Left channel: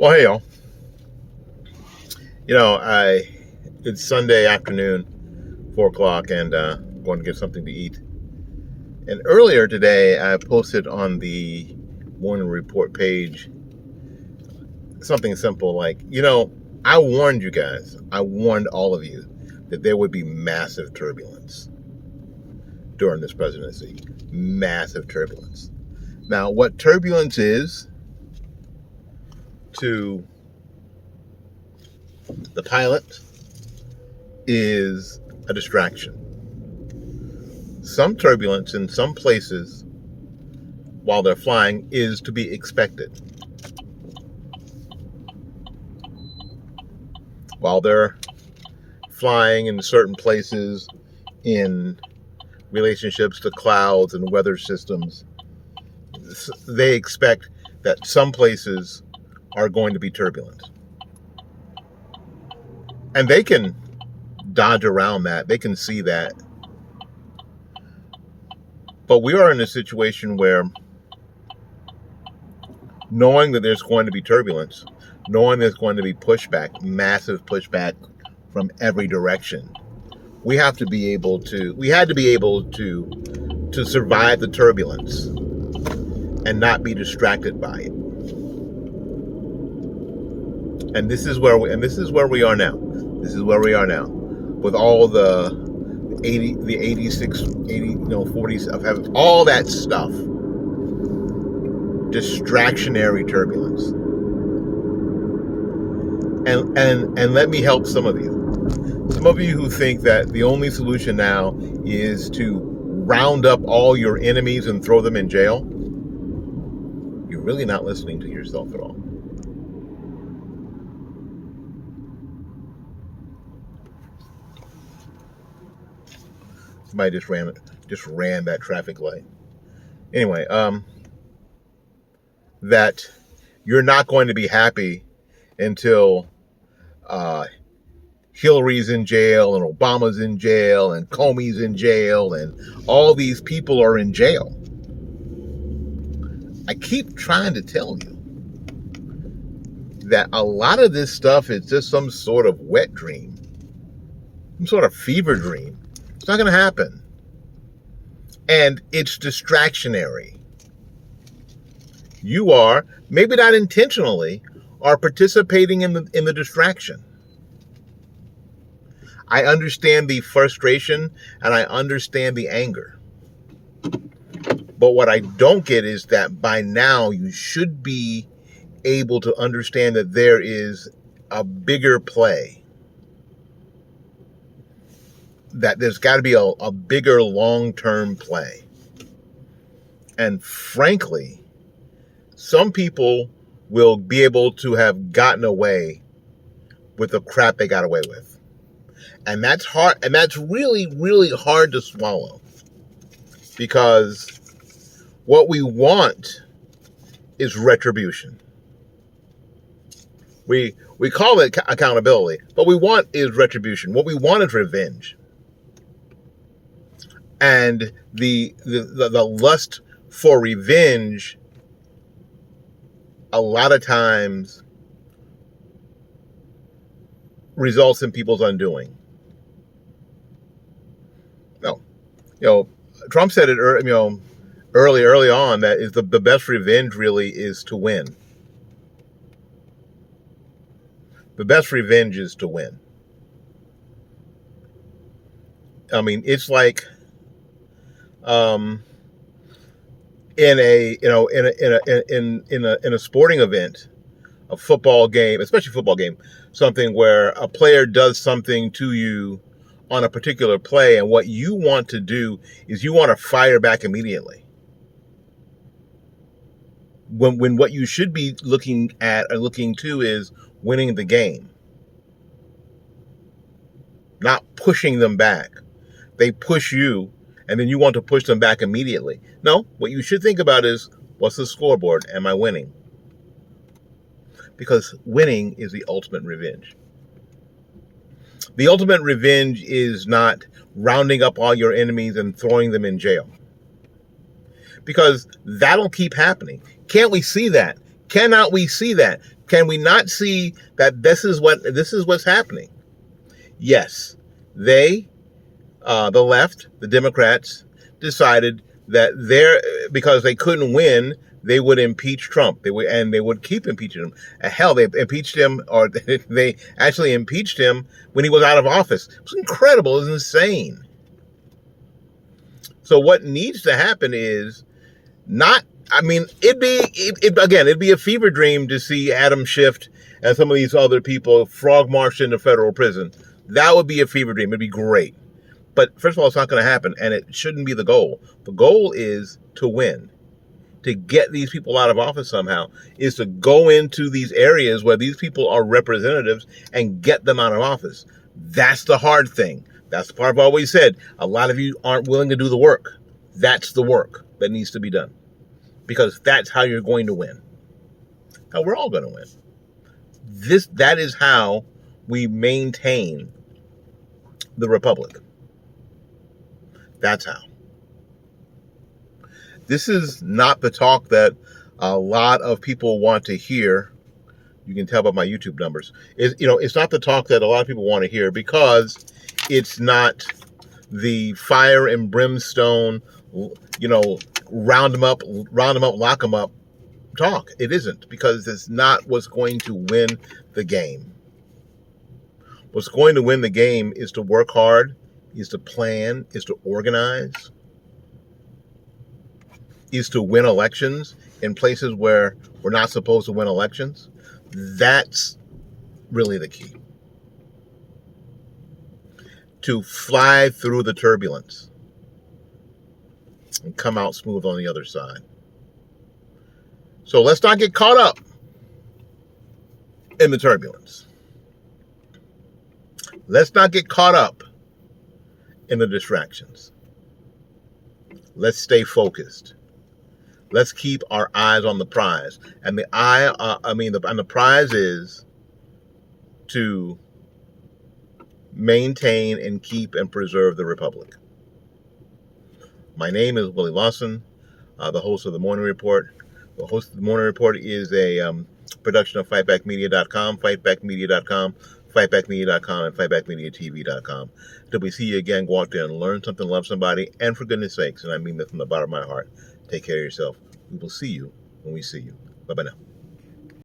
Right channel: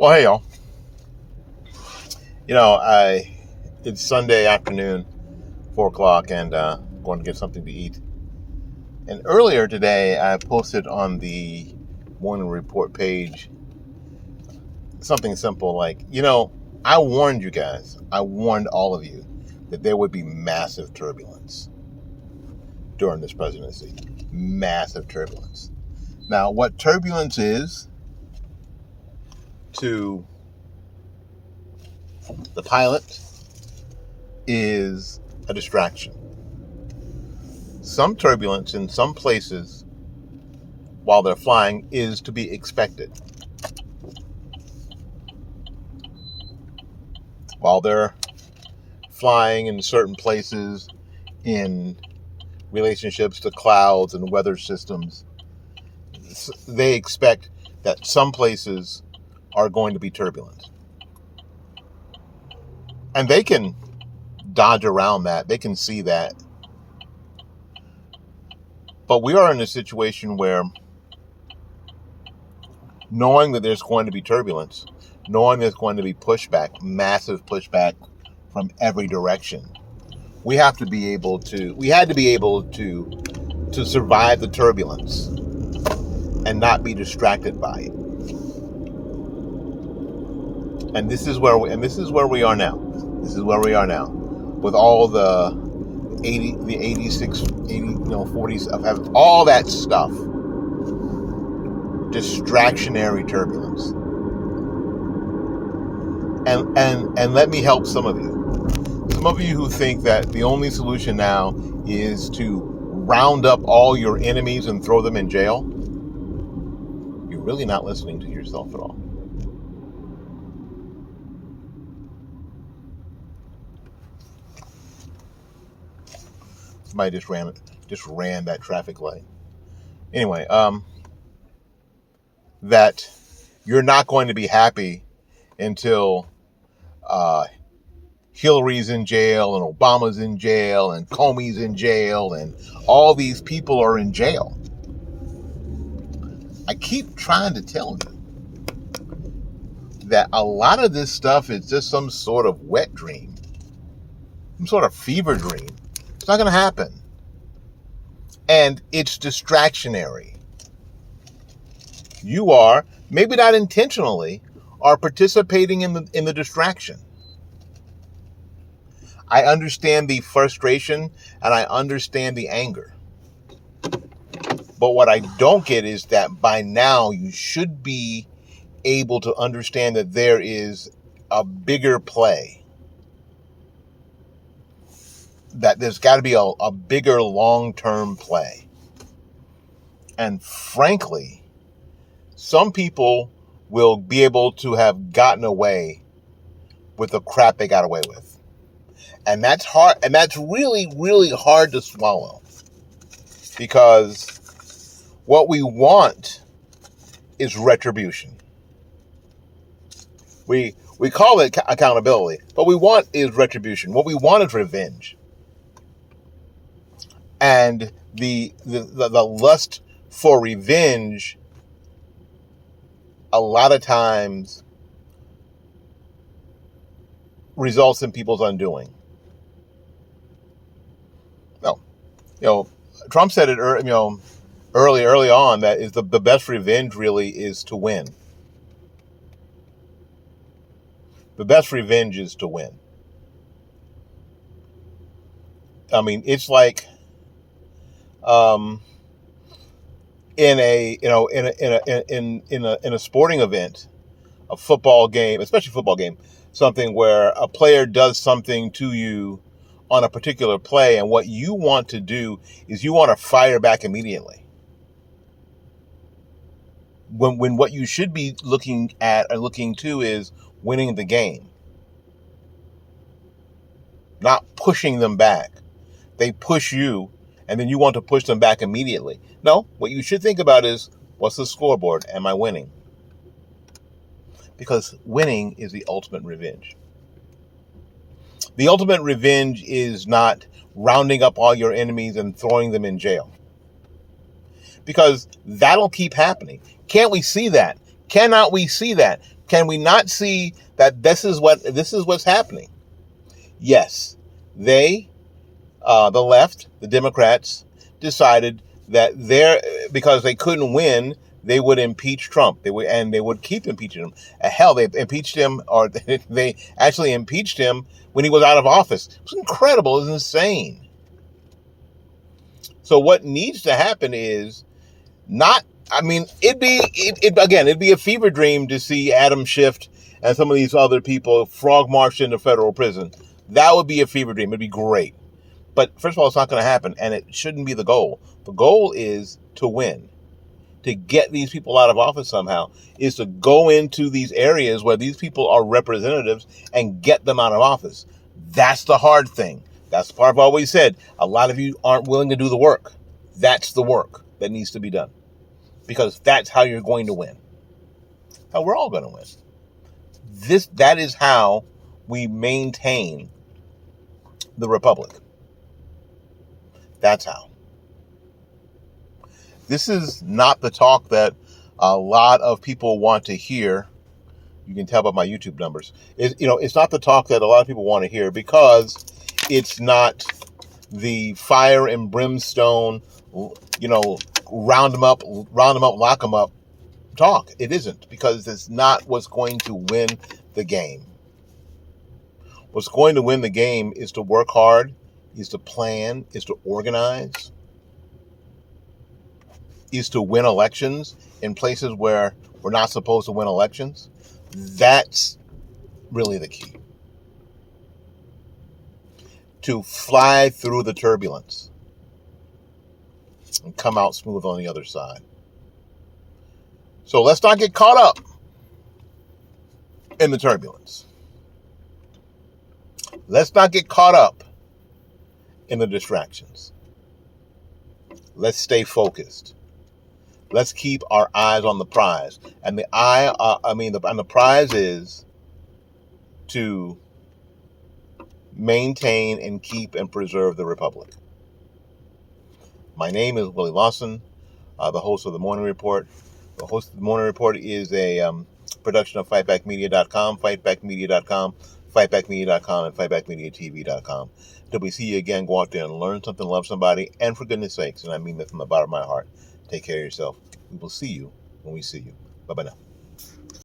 Well, hey y'all. It's Sunday afternoon, 4 o'clock, and going to get something to eat. And earlier today, I posted on the morning report page something simple like, I warned you guys. I warned all of you that there would be massive turbulence during this presidency. Massive turbulence. Now, what turbulence is to the pilot is a distraction. Some turbulence in some places while they're flying is to be expected. While they're flying in certain places in relationships to clouds and weather systems, they expect that some places are going to be turbulent. And they can dodge around that. They can see that. But we are in a situation where, knowing that there's going to be turbulence, knowing there's going to be pushback, massive pushback from every direction, we had to be able to survive the turbulence and not be distracted by it. And this is where we are now. This is where we are now, with all the 86, 40s of having all that stuff. Distractionary turbulence. And let me help some of you. Some of you who think that the only solution now is to round up all your enemies and throw them in jail. You're really not listening to yourself at all. Somebody just ran that traffic light. Anyway, that you're not going to be happy until Hillary's in jail and Obama's in jail and Comey's in jail and all these people are in jail. I keep trying to tell you that a lot of this stuff is just some sort of wet dream, some sort of fever dream. It's not going to happen. And it's distractionary. You are, maybe not intentionally, are participating in the distraction. I understand the frustration and I understand the anger. But what I don't get is that by now you should be able to understand that there is a bigger play. That there's got to be a bigger long-term play. And frankly, some people will be able to have gotten away with the crap they got away with. And that's hard, and that's really, really hard to swallow. Because what we want is retribution. We call it accountability, but what we want is retribution. What we want is revenge. And the lust for revenge a lot of times results in people's undoing. No, Trump said it early on that is the best revenge really is to win. The best revenge is to win. I mean, it's like in a sporting event, a football game, especially football game, something where a player does something to you on a particular play, and what you want to do is you want to fire back immediately. When what you should be looking at or looking to is winning the game, not pushing them back. They push you, and then you want to push them back immediately. No, what you should think about is, what's the scoreboard? Am I winning? Because winning is the ultimate revenge. The ultimate revenge is not rounding up all your enemies and throwing them in jail. Because that'll keep happening. Can't we see that? Cannot we see that? Can we not see that this is what's happening? Yes, the left, the Democrats, decided that because they couldn't win, they would impeach Trump. They would keep impeaching him. Hell, they impeached him, or they actually impeached him when he was out of office. It was incredible. It was insane. So what needs to happen is not. I mean, it'd be a fever dream to see Adam Schiff and some of these other people frog marched into federal prison. That would be a fever dream. It'd be great. But first of all, it's not going to happen, and it shouldn't be the goal. The goal is to win. To get these people out of office somehow is to go into these areas where these people are representatives and get them out of office. That's the hard thing. That's the part I've always said. A lot of you aren't willing to do the work. That's the work that needs to be done. Because that's how you're going to win. How we're all going to win. That is how we maintain the republic. That's how. This is not the talk that a lot of people want to hear. You can tell by my YouTube numbers. It's not the talk that a lot of people want to hear because it's not the fire and brimstone, round them up, lock them up talk. It isn't, because it's not what's going to win the game. What's going to win the game is to work hard, is to plan, is to organize, is to win elections in places where we're not supposed to win elections. That's really the key. To fly through the turbulence and come out smooth on the other side. So let's not get caught up in the turbulence. Let's not get caught up in the distractions. Let's stay focused. Let's keep our eyes on the prize. And the prize is to maintain and keep and preserve the republic. My name is Willie Lawson, the host of the Morning Report. The host of the Morning Report is a production of fightbackmedia.com, fightbackmedia.com, fightbackmedia.com, and fightbackmediatv.com. Until we see you again, go out there and learn something, love somebody, and for goodness sakes, and I mean that from the bottom of my heart, take care of yourself. We will see you when we see you. Bye-bye now.